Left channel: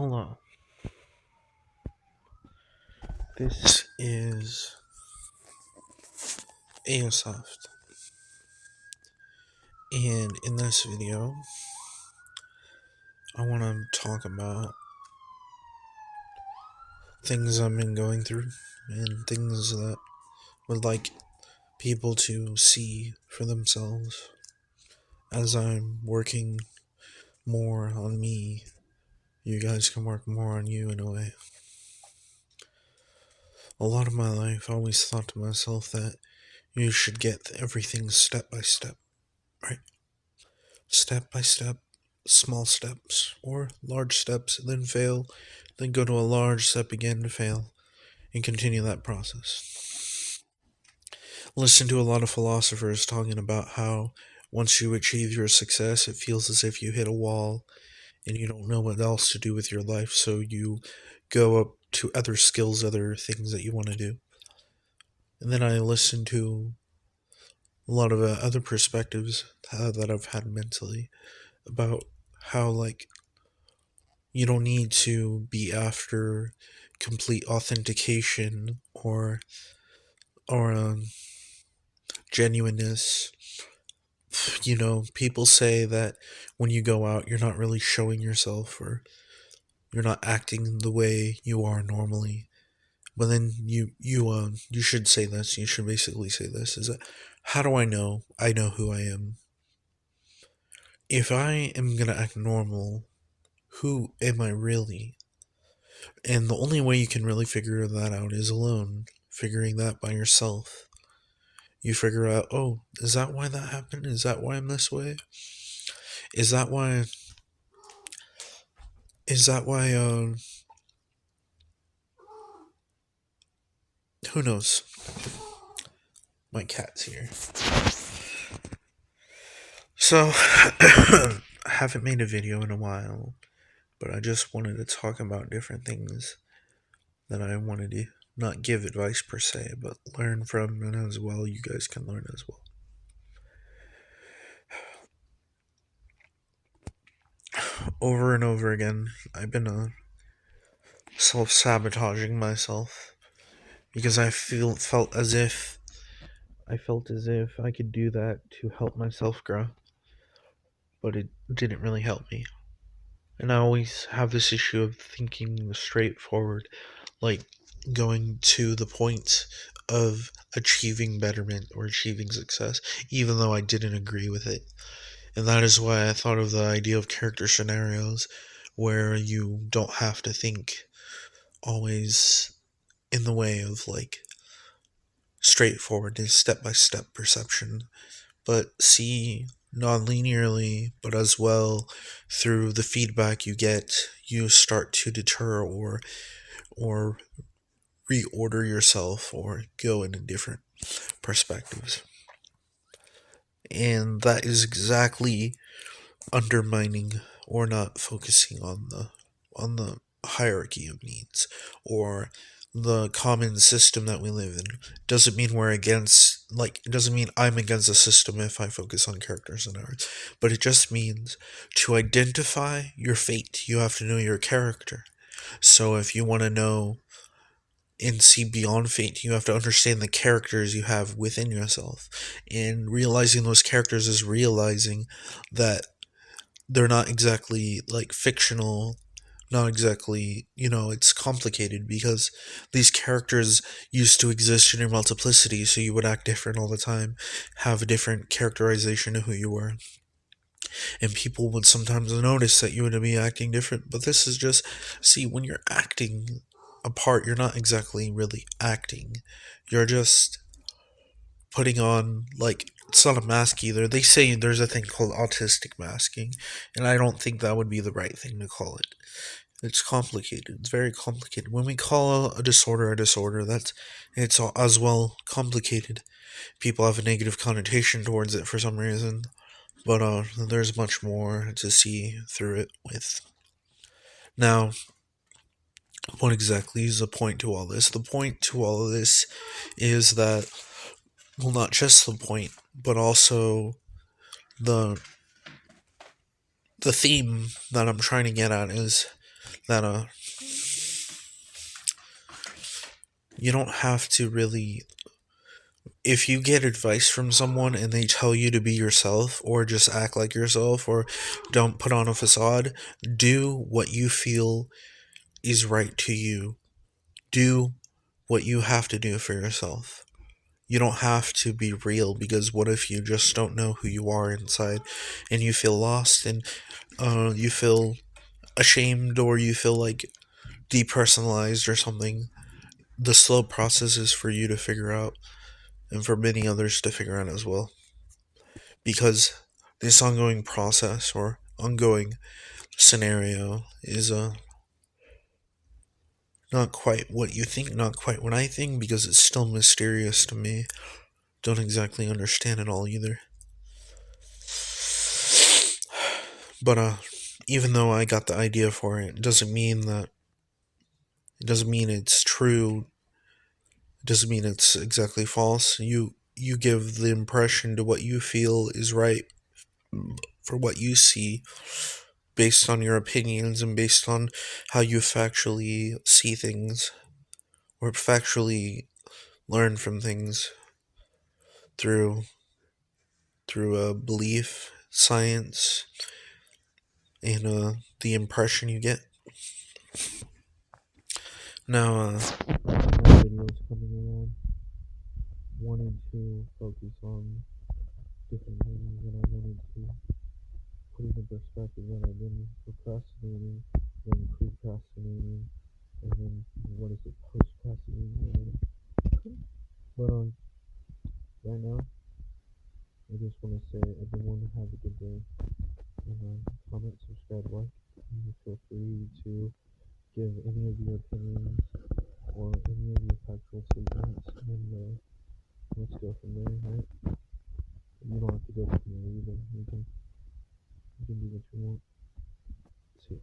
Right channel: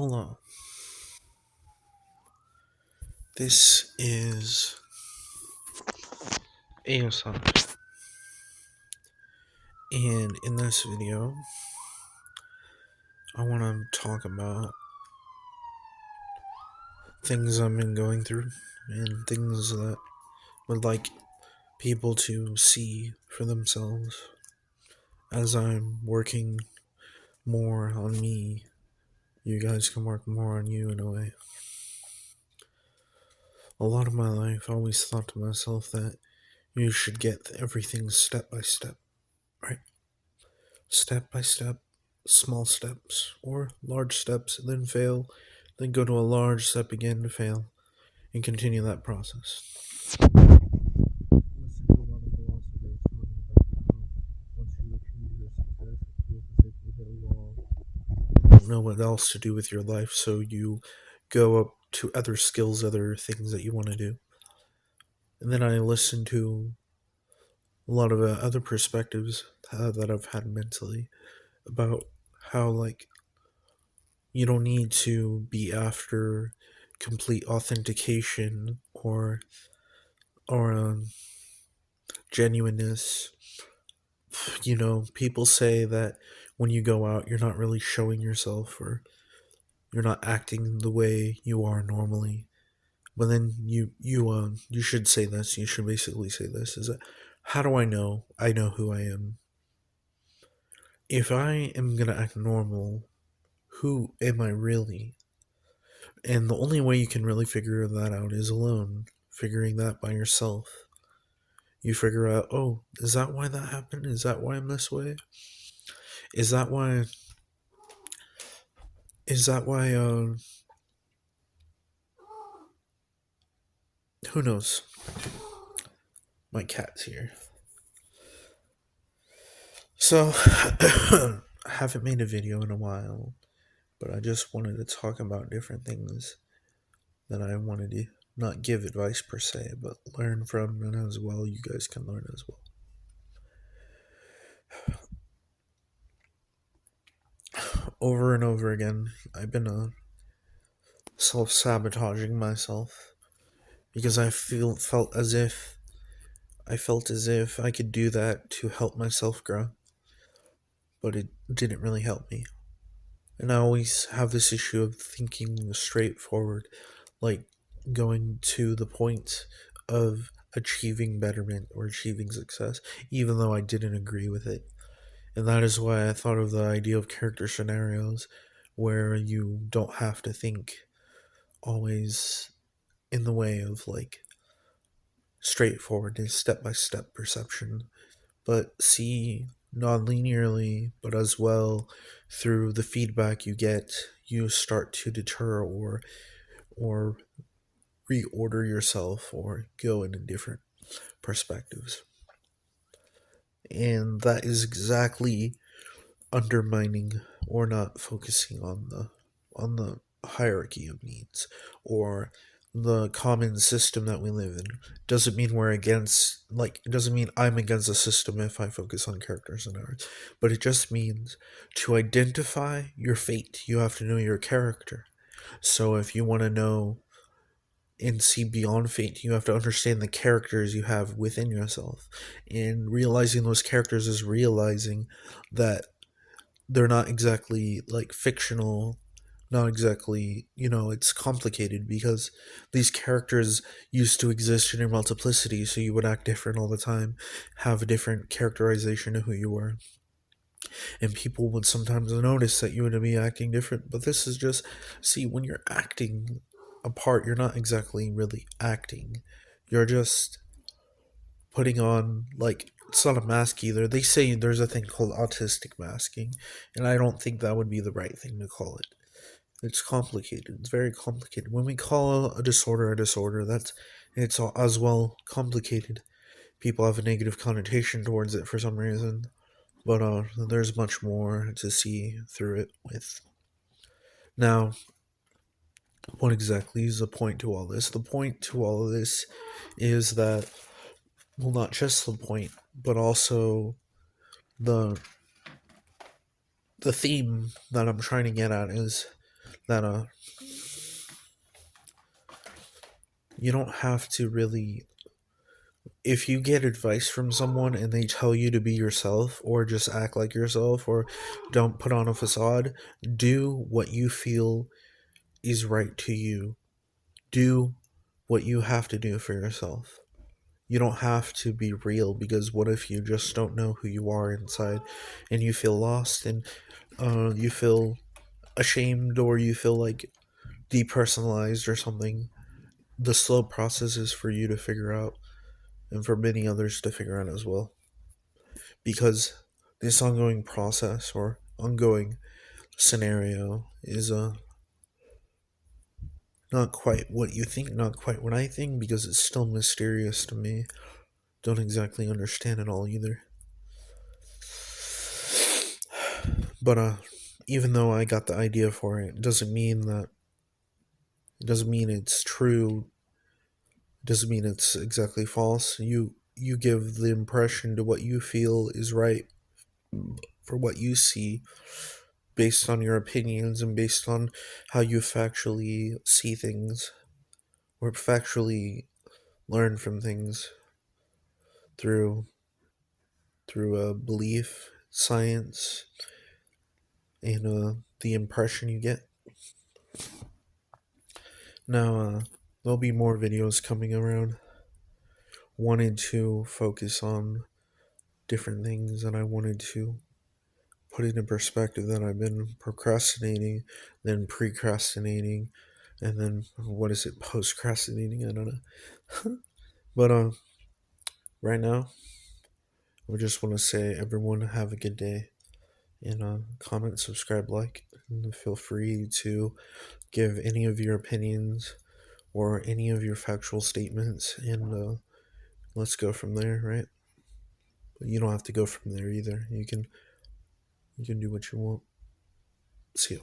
Hello. This is AyoSoft, and in this video, I want to talk about things I've been going through and things that would like people to see for themselves as I'm working more on me. You guys can work more on you in a way. A lot of my life, I always thought to myself that you should get everything step by step, right? Step by step, small steps, or large steps, then fail, then go to a large step again to fail, and continue that process. Listen to a lot of philosophers talking about how once you achieve your success, it feels as if you hit a wall and you don't know what else to do with your life, so you go up to other skills, other things that you want to do. And then I listen to a lot of other perspectives that I've had mentally about how, like, you don't need to be after complete authentication or genuineness. People say that when you go out, you're not really showing yourself, or you're not acting the way you are normally. But then you should say this. You should basically say this: is that how do I know? I know who I am. If I am gonna act normal, who am I really? And the only way you can really figure that out is alone, figuring that by yourself. You figure out, oh, is that why that happened? Is that why I'm this way? Is that why? Is that why? Who knows? My cat's here. So, I haven't made a video in a while, but I just wanted to talk about different things that I wanted to not give advice per se, but learn from, and as well, you guys can learn as well. Over and over again, I've been self-sabotaging myself because felt as if I could do that to help myself grow, but it didn't really help me. And I always have this issue of thinking straightforward, like going to the point of achieving betterment or achieving success, even though I didn't agree with it. And that is why I thought of the idea of character scenarios where you don't have to think always in the way of, like, straightforward and step-by-step perception, but see non-linearly, but as well through the feedback you get, you start to deter or reorder yourself or go into different perspectives. And that is exactly undermining or not focusing on the hierarchy of needs or the common system that we live in. Doesn't mean we're against, like, it doesn't mean I'm against the system if I focus on characters and art, but it just means to identify your fate, you have to know your character. So if you want to know and see beyond fate, you have to understand the characters you have within yourself. And realizing those characters is realizing that they're not exactly, like, fictional, not exactly, it's complicated because these characters used to exist in your multiplicity, so you would act different all the time, have a different characterization of who you were. And people would sometimes notice that you would be acting different, but this is just, see, when you're acting a part, you're not exactly really acting. You're just putting on, like, it's not a mask either. They say there's a thing called autistic masking, and I don't think that would be the right thing to call it. It's complicated. It's very complicated. When we call a disorder, it's as well complicated. People have a negative connotation towards it for some reason, but there's much more to see through it with. Now, what exactly is the point to all this? The point to all of this is that, well, not just the point, but also the theme that I'm trying to get at is that you don't have to really, if you get advice from someone and they tell you to be yourself or just act like yourself or don't put on a facade, do what you feel is right to you. Do what you have to do for yourself. You don't have to be real, because what if you just don't know who you are inside and you feel lost and you feel ashamed or you feel like depersonalized or something? The slow process is for you to figure out and for many others to figure out as well. Because this ongoing process or ongoing scenario is not quite what you think, not quite what I think, because it's still mysterious to me. Don't exactly understand it all either. But even though I got the idea for it, it doesn't mean it's true. It doesn't mean it's exactly false. You give the impression to what you feel is right for what you see, based on your opinions and based on how you factually see things or factually learn from things through belief, science, and the impression you get. Now, there'll be more videos coming around. Wanted to focus on different things, and I wanted to put it in perspective that I've been procrastinating, then precrastinating, and then what is it, postcrastinating? I don't know. But right now, I just want to say, everyone have a good day, and comment, subscribe, like, and feel free to give any of your opinions or any of your factual statements, and let's go from there, right? But you don't have to go from there either. You can do what you want. See you.